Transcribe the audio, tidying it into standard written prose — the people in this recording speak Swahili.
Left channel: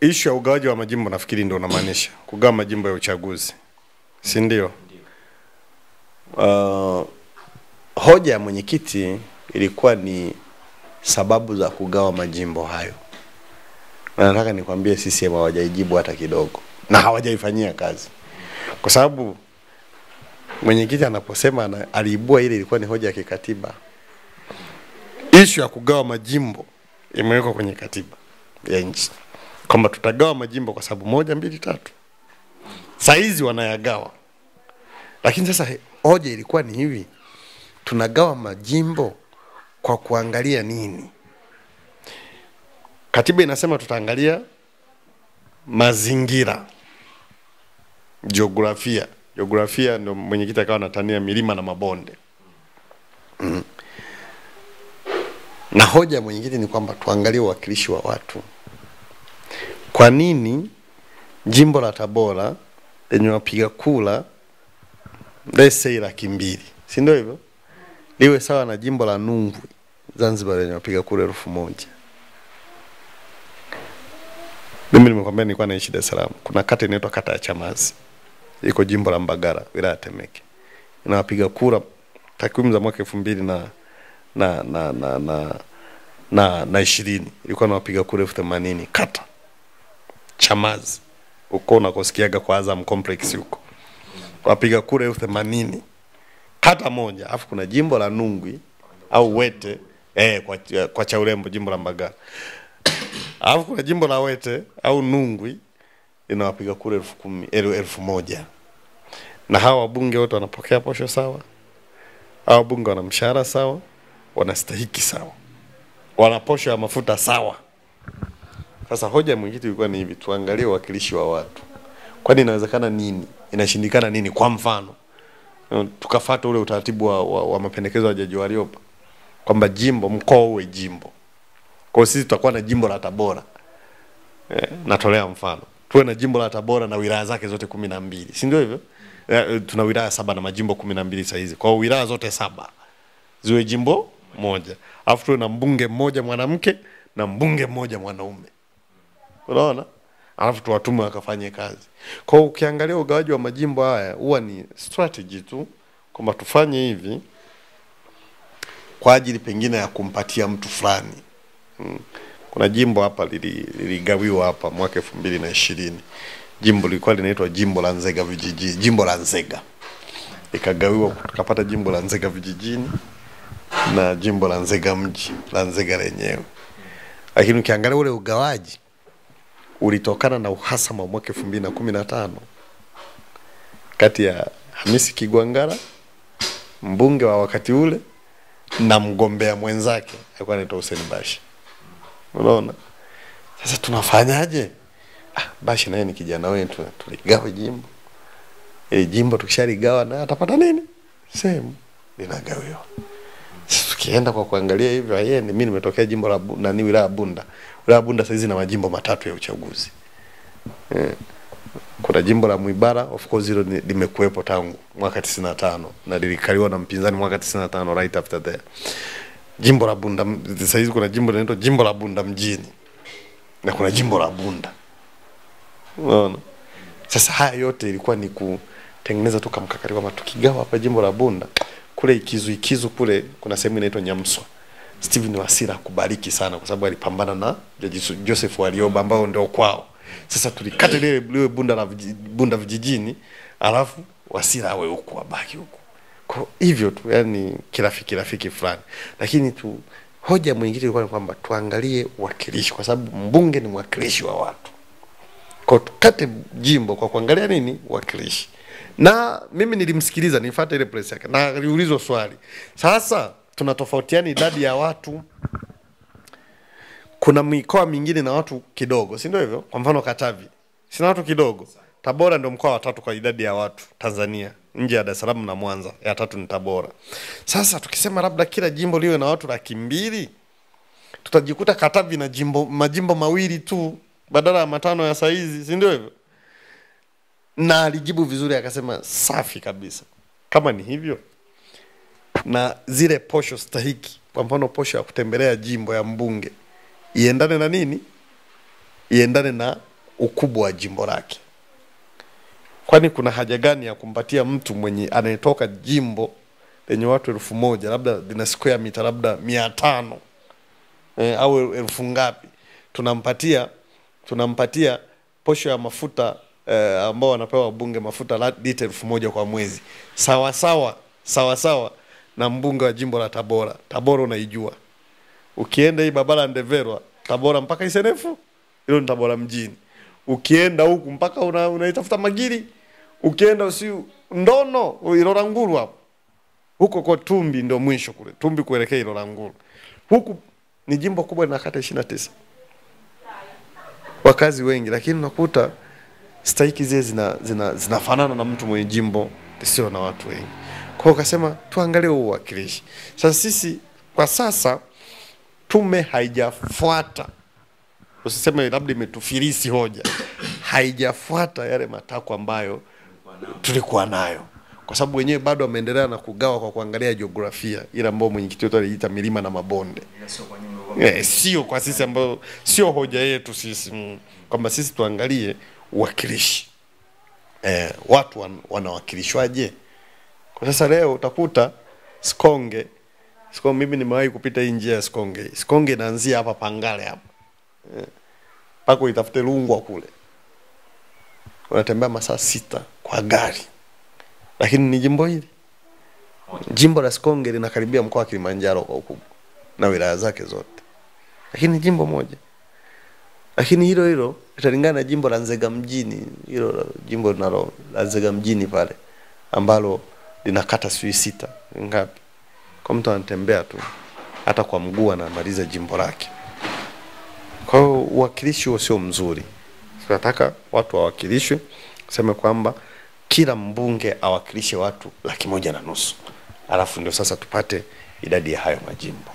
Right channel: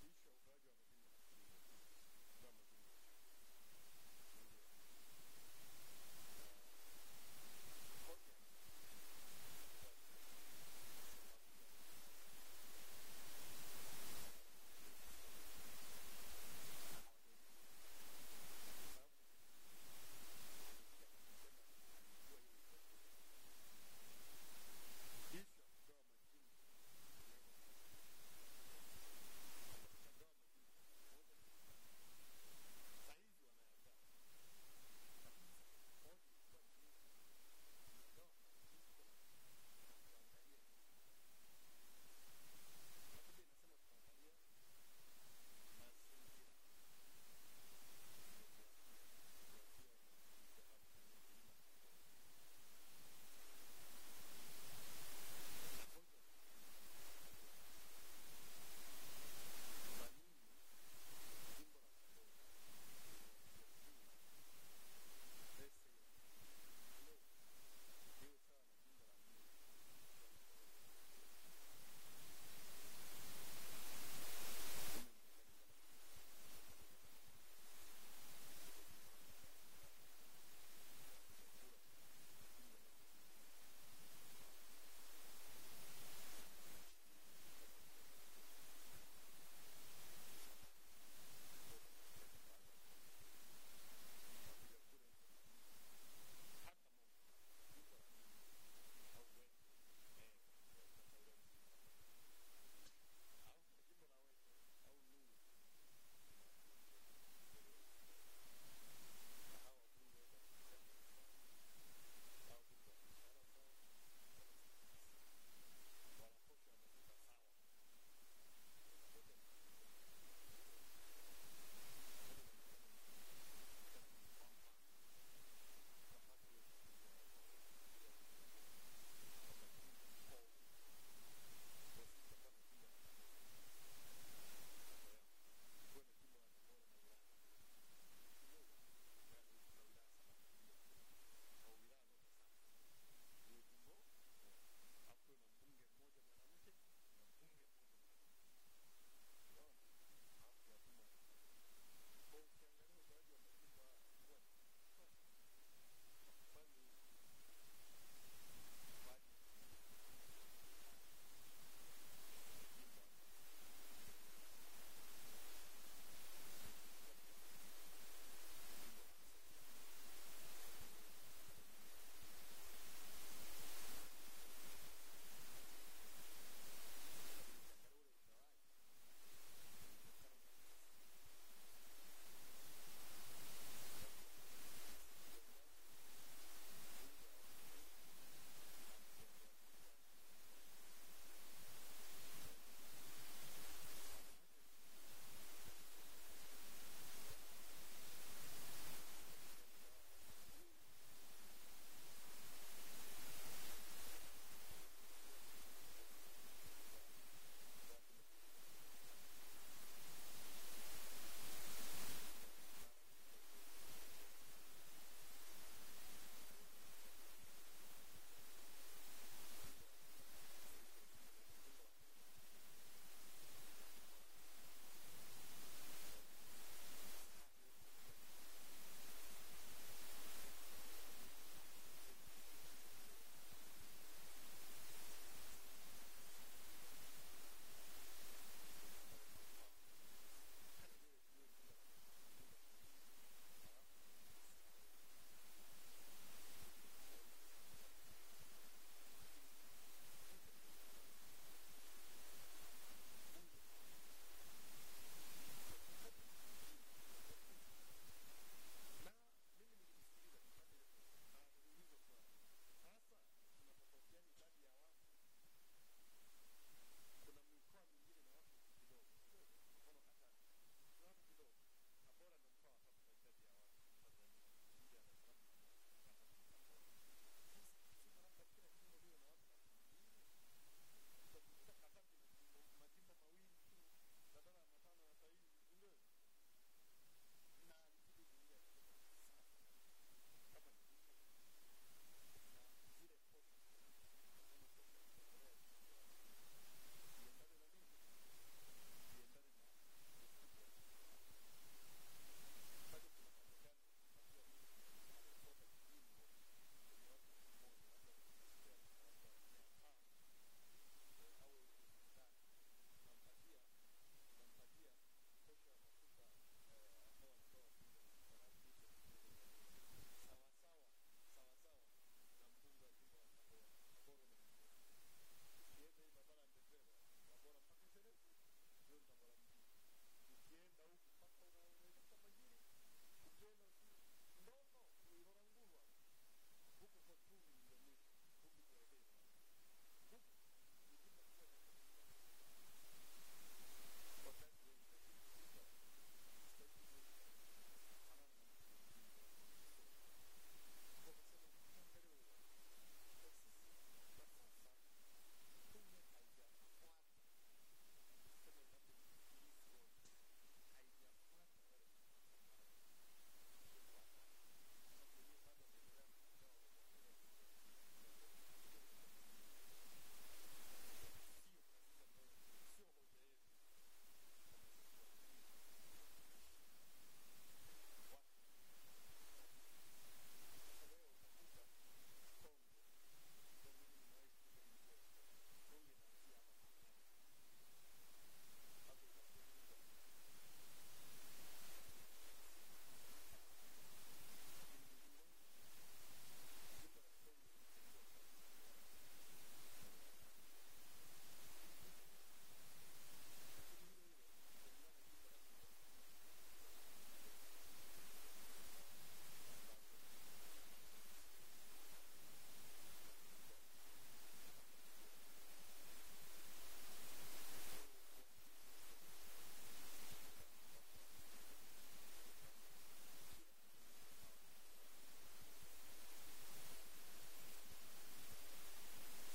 Issue ya ugawaji wa majimbo nafikiri ndio unamaanisha. Kugawa majimbo ya uchaguzi. Si ndio? Hoja ya mwenyekiti ilikuwa ni sababu za kugawa majimbo hayo. Na nataka nikwambie CCM hawajaijibu hata kidogo na hawajaifanyia kazi. Kwa sababu mwenyekiti anaposema aliibua ile ilikuwa ni hoja ya kikatiba. Issue ya kugawa majimbo imewekwa kwenye katiba ya nchi. Kwamba tutagawa majimbo kwa sababu 1, 2, 3. Saizi wanayagawa. Lakini sasa hoja ilikuwa ni hivi. Tunagawa majimbo kwa kuangalia nini? Katiba inasema tutaangalia mazingira. Jiografia. Jiografia ndio mwenyekiti akawa anatania milima na mabonde. Na hoja ya mwenyekiti ni kwamba tuangalie uwakilishi wa watu. Kwa nini jimbo la Tabora lenye wapiga kura let's say 200,000, si ndio hivyo? Liwe sawa na jimbo la Nungwi Zanzibar lenye wapiga kura 1,000. Mimi nimekwambia nilikuwa naishi Dar es Salaam. Kuna kata inaitwa kata ya Chamazi. Iko jimbo la Mbagala, wilaya Temeke. Ina wapiga kura takwimu za mwaka 2020 ilikuwa na wapiga kura 80,000 kata Chamazi. Uko unakosikiaga kwa Azam Complex huko. Wapiga kura 80,000 kata moja. Alafu kuna jimbo la Nungwi au Wete kwa Chaurembo jimbo la Mbagala. Alafu kuna jimbo la Wete au Nungwi ina wapiga kura 1,000. Na hawa wabunge wote wanapokea posho sawa. Hawa wabunge wana mshahara sawa, wanastahiki sawa. Wana posho ya mafuta sawa. Sasa hoja mwenyekiti ilikuwa ni hivi, tuangalie uwakilishi wa watu. Kwani inawezekana nini? Inashindikana nini? Kwa mfano, tukafuata ule utaratibu wa mapendekezo ya Jaji Warioba kwamba jimbo mkoa uwe jimbo. Kwa sisi tutakuwa na jimbo la Tabora. Natolea mfano. Tuwe na jimbo la Tabora na wilaya zake zote 12. Si ndio hivyo? Tuna wilaya 7 na majimbo 12 sasa hizi. Kwa wilaya zote 7 ziwe jimbo moja. Alafu tuwe na mbunge mmoja mwanamke na mbunge mmoja mwanaume. Unaona? Alafu tuwatume wakafanye kazi. Kwa hiyo ukiangalia ugawaji wa majimbo haya huwa ni strategy tu kwamba tufanye hivi kwa ajili pengine ya kumpatia mtu fulani. Kuna jimbo hapa liligawiwa hapa mwaka 2020. Jimbo lilikuwa linaitwa jimbo la Nzega vijijini, jimbo la Nzega. Ikagawiwa tukapata jimbo la Nzega vijijini na jimbo la Nzega mji, la Nzega lenyewe. Lakini ukiangalia ule ugawaji ulitokana na uhasama mwaka 2015 kati ya Hamisi Kigwangala mbunge wa wakati ule na mgombea mwenzake alikuwa anaitwa Hussein Bashi. Unaona? Sasa tunafanyaje? Bashi naye ni kijana wetu, tuligawa jimbo. Jimbo tukishaligawa na atapata nini? Sehemu linagawiwa. Sasa tukienda kwa kuangalia hivyo mimi nimetokea jimbo la wilaya Bunda. Wilaya Bunda sasa hizi na majimbo 3 ya uchaguzi. Kuna jimbo la Mwibara, of course hilo limekuepo tangu mwaka 95 na lilikaliwa na mpinzani mwaka 95 right after there. Jimbo la Bunda sasa hizi kuna jimbo linaloitwa jimbo la Bunda mjini. Na kuna jimbo la Bunda. Unaona? Sasa haya yote ilikuwa ni kutengeneza tu kamkakati kwamba tukigawa hapa jimbo la Bunda kule Ikizu kule kuna sehemu inaitwa Nyamswa. Steven Wasira kubariki sana kwa sababu alipambana na Joseph Warioba ambao ndio kwao. Sasa tulikata ile Bunda vijijini alafu Wasira awe huko abaki huko. Kwa hivyo tu yani kirafiki fulani. Lakini hoja mwingine ilikuwa ni kwamba tuangalie uwakilishi kwa sababu mbunge ni mwakilishi wa watu. Kwa tukate jimbo kwa kuangalia nini? Uwakilishi. Na mimi nilimsikiliza, nifuata ile press yake na aliulizwa swali. Sasa tunatofautiana idadi ya watu. Kuna mikoa mingine na watu kidogo, si ndio hivyo? Kwa mfano Katavi, sina watu kidogo. Tabora ndio mkoa wa 3 kwa idadi ya watu Tanzania, nje ya Dar es Salaam na Mwanza. Ya 3 ni Tabora. Sasa tukisema labda kila jimbo liwe na watu 200,000, tutajikuta Katavi na majimbo 2 tu badala ya 5 ya saizi, si ndio hivyo? Na alijibu vizuri akasema safi kabisa. Kama ni hivyo na zile posho stahiki, kwa mfano posho ya kutembelea jimbo ya mbunge iendane na nini? iendane na ukubwa wa jimbo lake. Kwani kuna haja gani ya kumpatia mtu mwenye anayetoka jimbo lenye watu 1000 labda lina square meter labda 500 au 1000 ngapi, tunampatia posho ya mafuta ambao wanapewa wabunge mafuta lita 1000 kwa mwezi, sawa na mbunge wa jimbo la Tabora. Tabora unaijua, ukienda hii barabara Ndeverwa Tabora mpaka Isenefu, hilo ni Tabora mjini. Ukienda huku mpaka unaitafuta Magiri, ukienda usiu Ndono Iloranguru hapo, huko kwa Tumbi ndio mwisho kule, Tumbi kuelekea Iloranguru. Huku ni jimbo kubwa na kata 29, wakazi wengi, lakini unakuta stahiki zile zinafanana na mtu mwenye jimbo sio na watu wengi. Kwa hiyo akasema tuangalie uwakilishi. Sasa sisi kwa sasa tume haijafuata, usiseme labda imetufilisi hoja, haijafuata yale matakwa ambayo tulikuwa nayo, kwa sababu wenyewe bado wameendelea na kugawa kwa kuangalia jiografia ile ambayo mwenyekiti wetu aliita milima na mabonde. Sio kwa sisi ambao sio hoja yetu sisi, kwamba sisi tuangalie uwakilishi. Watu wanawakilishwaje? Kwa sasa leo utakuta Sikonge, mimi nimewahi kupita hii njia ya Sikonge. Sikonge inaanzia hapa Pangale hapa. Pako itafute Rungwa kule. Unatembea masaa 6 kwa gari. Lakini ni jimbo hili. Jimbo la Sikonge linakaribia mkoa wa Kilimanjaro kwa ukubwa na wilaya zake zote. Lakini ni jimbo moja. Lakini hilo italingana na jimbo la Nzega mjini, hilo jimbo la Nzega mjini pale ambalo linakata 6 ngapi. Kwa mtu anatembea tu hata kwa mguu anamaliza jimbo lake. Kwa hiyo uwakilishi huo sio mzuri. Tunataka watu wawakilishwe, kusema kwamba kila mbunge awakilishe watu 150,000. Alafu ndio sasa tupate idadi ya hayo majimbo.